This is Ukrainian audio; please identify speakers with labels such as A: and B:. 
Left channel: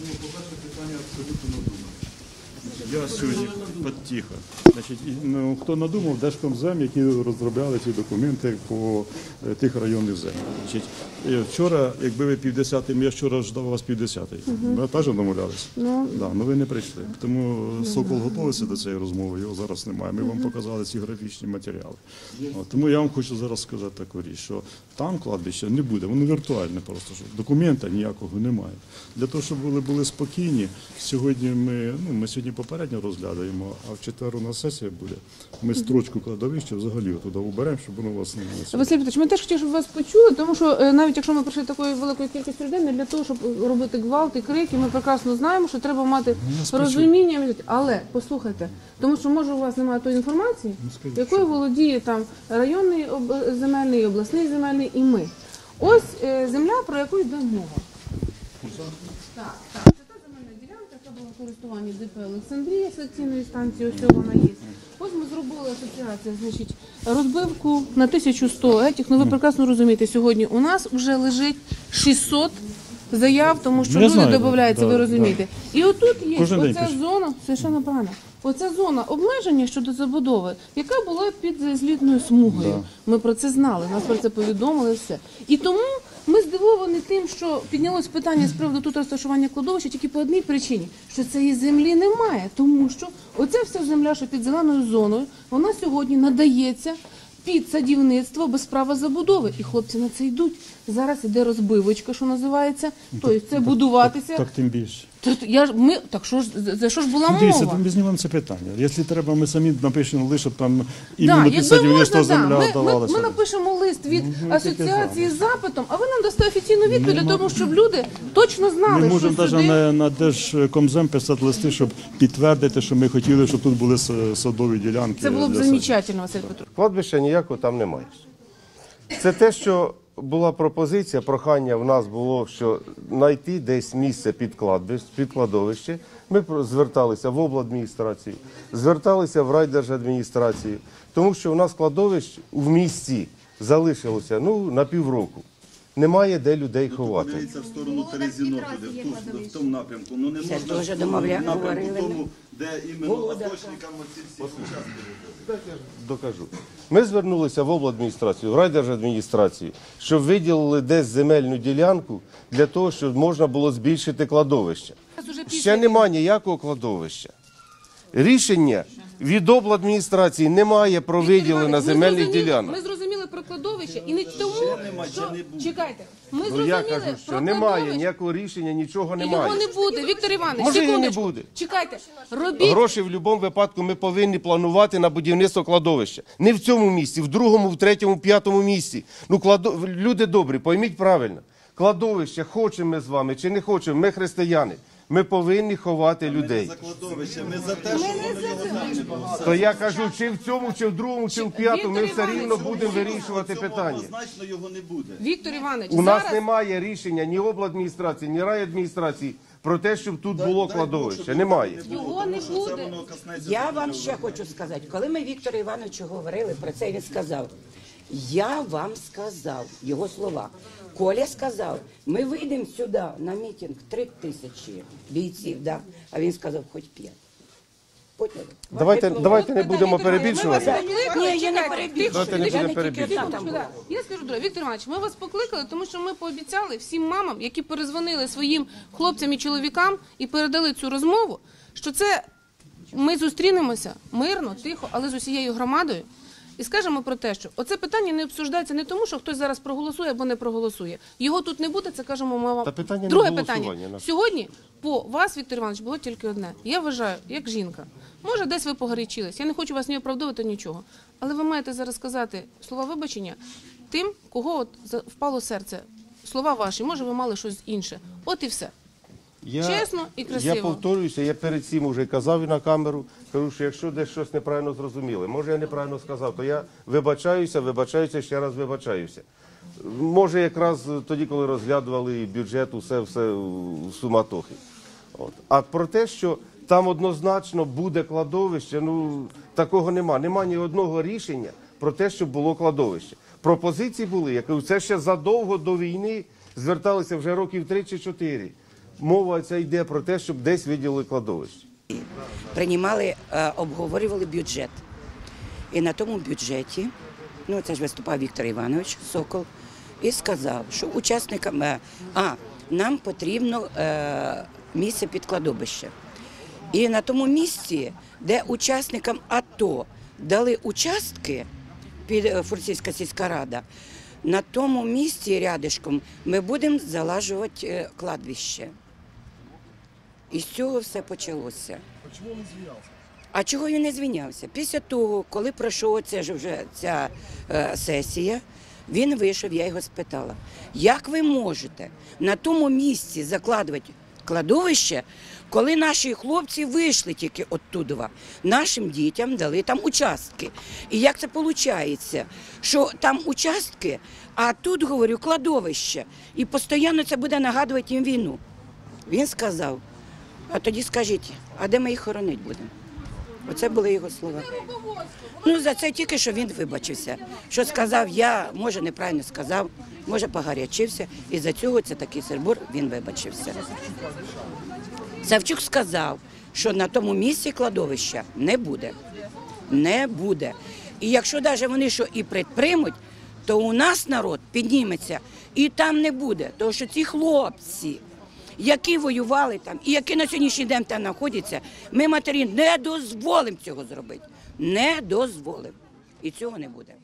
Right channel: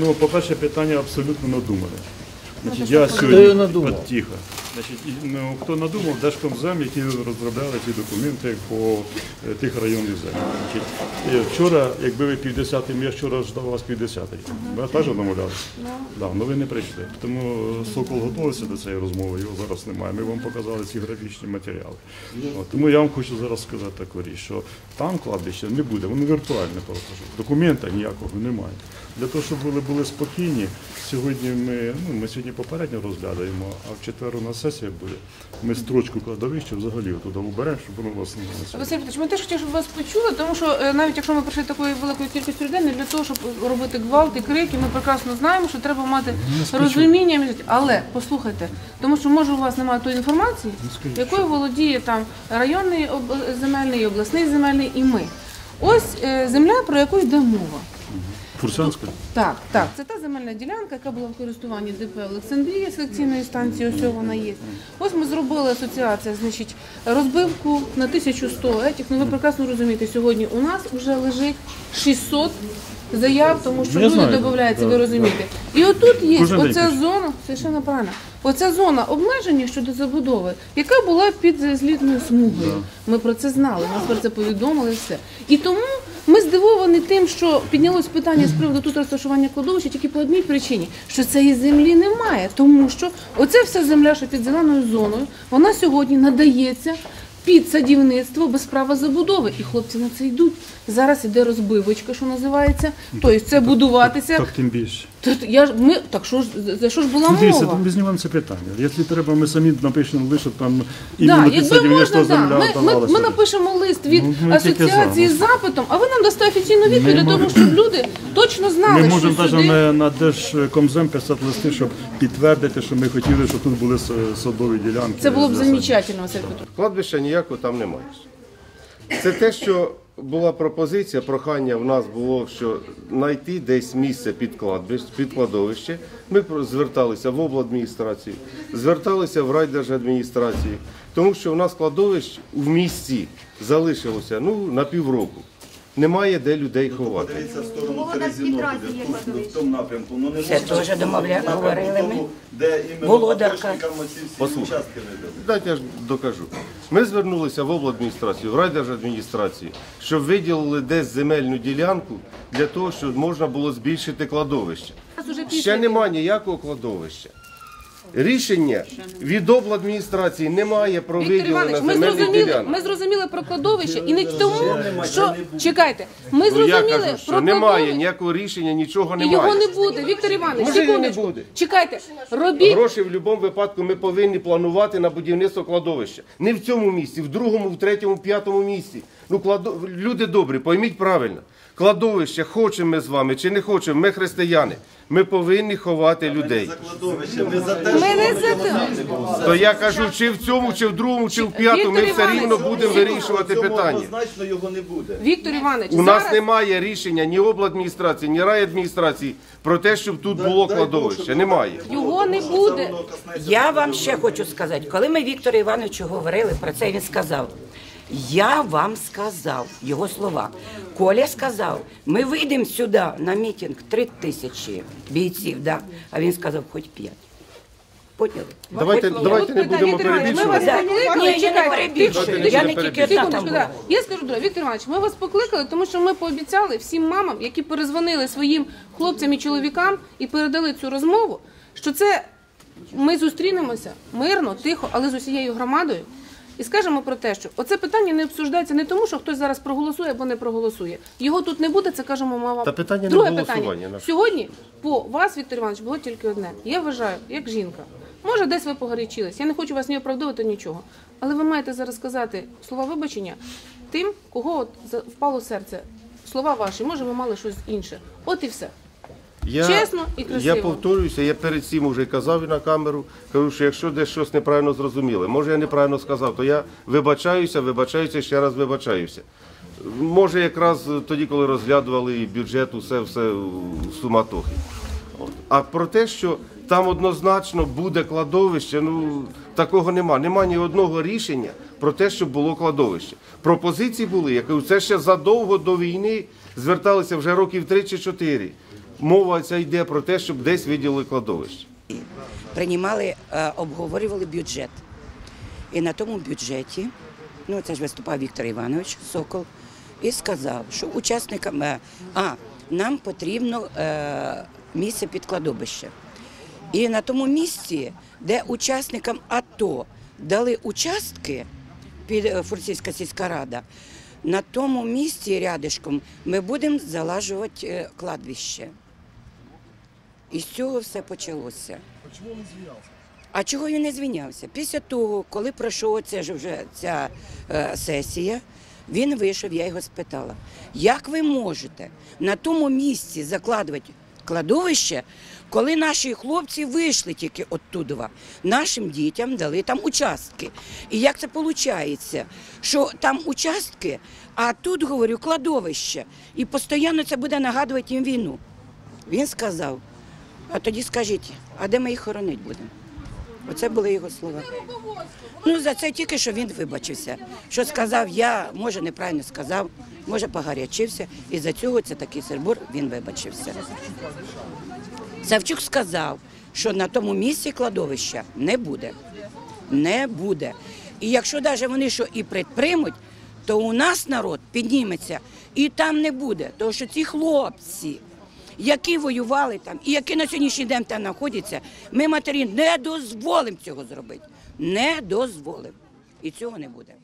A: Ну, по-перше, питання абсолютно надумане. Значить, я
B: його
A: сьогодні
B: надумав?
A: От тихо. Значить, ну, хто надумав, Держкомзем, які розробляли ці документи по е, тих районних землях. Е, вчора, якби ви півдесятим, я вчора ждав вас півдесятий. Ми теж домовлялися. Ну. Да, ну ви не прийшли. Тому Сокол готувався до цієї розмови, його зараз немає. Ми вам показали ці графічні матеріали. От, тому я вам хочу зараз сказати таку річ, що там кладбища не буде, воно віртуальне просто. що Документа ніякого немає. Для того, щоб вони були спокійні, сьогодні ми, ну, ми сьогодні попередньо розглядаємо, а в четвер у нас сесія буде. Ми строчку кладовища взагалі туди уберемо, щоб воно вас не було.
C: Василь Петрович, ми теж хотіли, щоб вас почули, тому що е, навіть якщо ми прийшли такою великою кількістю людей, не для того, щоб робити гвалт і крики, ми прекрасно знаємо, що треба мати розуміння. Але послухайте, тому що може у вас немає тої інформації, якою володіє там районний земельний, обласний земельний і ми. Ось е, земля, про яку йде мова.
A: Фурсанська?
C: Так, так, це та земельна ділянка, яка була в користуванні ДП Олександрія, селекційної станції, ось вона є. Ось ми зробили асоціація, значить, розбивку на 1100 етіх. Ну ви прекрасно розумієте, сьогодні у нас вже лежить 600 заяв, тому що люди додаються, ви розумієте. І отут є оця зона, совершенно правильно, оця зона обмеження щодо забудови, яка була під злітною смугою. Ми про це знали, нас про це повідомили і все. І тому ми здивовані тим, що піднялось питання з приводу тут розташування кладовища тільки по одній причині, що цієї землі немає, тому що оця вся земля, що під зеленою зоною, вона сьогодні надається. Під садівництво без права забудови, і хлопці на це йдуть. Зараз іде розбивочка, що називається. Тобто це будуватися.
A: Так тим більше.
C: Тут я ж ми так що ж за- що ж була
A: Дивіться, там ми знімаємо це питання. Якщо треба, ми самі напишемо лише там
C: Да,
A: іменно під
C: якби можна, да.
A: земля
C: Ми, ми, ми напишемо лист від
A: Ну, ми
C: асоціації з запитом, а ви нам дасте офіційну відповідь для того, щоб люди точно знали,
A: Ми можемо навіть
C: сюди...
A: на, на Держкомзем писати листи, щоб підтвердити, що ми хотіли, щоб тут були садові ділянки.
C: Це було б замечательно, Василь Петрович.
D: Кладбища ніякого там немає. Це те, що була пропозиція, прохання в нас було, що знайти десь місце під кладбище, під кладовище. Ми зверталися в обладміністрацію, зверталися в райдержадміністрацію, тому що в нас кладовищ в місті залишилося ну, на півроку. Немає де людей ховати.
E: Подивіться в сторону Терезінополя, в, ту- в тому напрямку. Ну не
F: Це
E: можна
F: теж
E: в
F: домовля-
E: напрямку
F: говорили ми.
E: тому, де іменно
F: Володарка.
E: атошникам оці всі участки видали.
D: Дайте я ж докажу. Ми звернулися в обладміністрацію, в райдержадміністрацію, щоб виділили десь земельну ділянку для того, щоб можна було збільшити кладовище. Ще немає ніякого кладовища. Рішення від обладміністрації немає про виділення земельних
C: зрозуміли,
D: ділянок.
C: ми зрозуміли про кладовище і не тому, що чекайте, ми
D: Ну, я
C: зрозуміли
D: кажу, що
C: про
D: немає
C: кладовище.
D: ніякого рішення, нічого
C: І його не буде. Віктор Іванович,
D: Може, і не
C: секундочку.
D: буде.
C: Чекайте, робіть
D: Гроші в будь-якому випадку ми повинні планувати на будівництво кладовища. Не в цьому місці, в другому, в третьому, в п'ятому місці. Ну, кладо... люди добрі, пойміть правильно. Кладовище, хочемо ми з вами чи не хочемо, ми християни. Ми повинні ховати людей.
E: За кладовище, ми за те,
C: не за те.
D: То я кажу, чи в цьому, чи в другому, чи в п'ятому, ми все рівно будемо вирішувати питання.
E: однозначно його не буде.
C: Віктор Іванович,
D: У нас
C: зараз
D: немає рішення ні обладміністрації, ні райадміністрації про те, щоб тут було кладовище. Немає.
C: його не буде.
F: Я вам ще хочу сказати, коли ми Віктору Івановичу говорили про це, він сказав. Я вам сказав його слова. Коля сказав, ми вийдемо сюди на мітинг три тисячі бійців, да? а він сказав, хоч п'ять. Поняли?
D: Давайте, давайте не будемо
C: ми вас
D: перебільшувати.
F: Ні, я не перебільшую. Я
D: не
F: не тільки одна там була.
C: Я скажу, друге, Віктор Іванович, ми вас покликали, тому що ми пообіцяли всім мамам, які перезвонили своїм хлопцям і чоловікам і передали цю розмову, що це ми зустрінемося мирно, тихо, але з усією громадою. І скажемо про те, що оце питання не обсуждається не тому, що хтось зараз проголосує або не проголосує. Його тут не буде, це кажемо мама.
D: Та питання
C: Друге
D: голосування,
C: питання. Сьогодні по вас, Віктор Іванович, було тільки одне. Я вважаю, як жінка. Може, десь ви погорячились. Я не хочу вас не оправдовувати нічого. Але ви маєте зараз сказати слова вибачення тим, кого от впало серце. Слова ваші, може, ви мали щось інше. От і все.
D: Я,
C: Чесно і красиво.
D: Я повторююся, я перед цим вже казав і на камеру. Кажу, що якщо десь щось неправильно зрозуміли, може я неправильно сказав, то я вибачаюся, вибачаюся, ще раз вибачаюся. Може, якраз тоді, коли розглядували бюджет, усе все в суматохі. От. А про те, що там однозначно буде кладовище, ну такого нема. Нема ні одного рішення про те, щоб було кладовище. Пропозиції були, я кажу, це ще задовго до війни зверталися вже років 3 чи 4. Мова ця йде про те, щоб десь виділили кладовище.
F: приймали, е, обговорювали бюджет. І на тому бюджеті, ну це ж виступав Віктор Іванович Сокол, і сказав, що учасникам, е, а нам потрібно е, місце під кладовище. І на тому місці, де учасникам АТО дали участки під Фурсійська сільська рада, на тому місці рядишком ми будемо залажувати е, кладбище. І з цього все почалося. А чому він звінявся? А чого він не звінявся? Після того, коли пройшов це ж вже ця е, сесія, він вийшов, я його спитала, як ви можете на тому місці закладувати кладовище, коли наші хлопці вийшли тільки оттуда, нашим дітям дали там участки. І як це виходить, що там участки, а тут, говорю, кладовище. І постійно це буде нагадувати їм війну. Він сказав, а тоді скажіть, а де ми їх хоронити будемо? Оце були його слова. Ну за це тільки що він вибачився. Що сказав я, може неправильно сказав, може погарячився, і за цього це такий сербур, він вибачився. Савчук сказав, що на тому місці кладовища не буде. Не буде. І якщо навіть вони що і предприймуть, то у нас народ підніметься і там не буде. Тому що ці хлопці, які воювали там і які на сьогоднішній день там знаходяться, ми матері не дозволимо цього зробити. Не дозволимо. І цього не буде.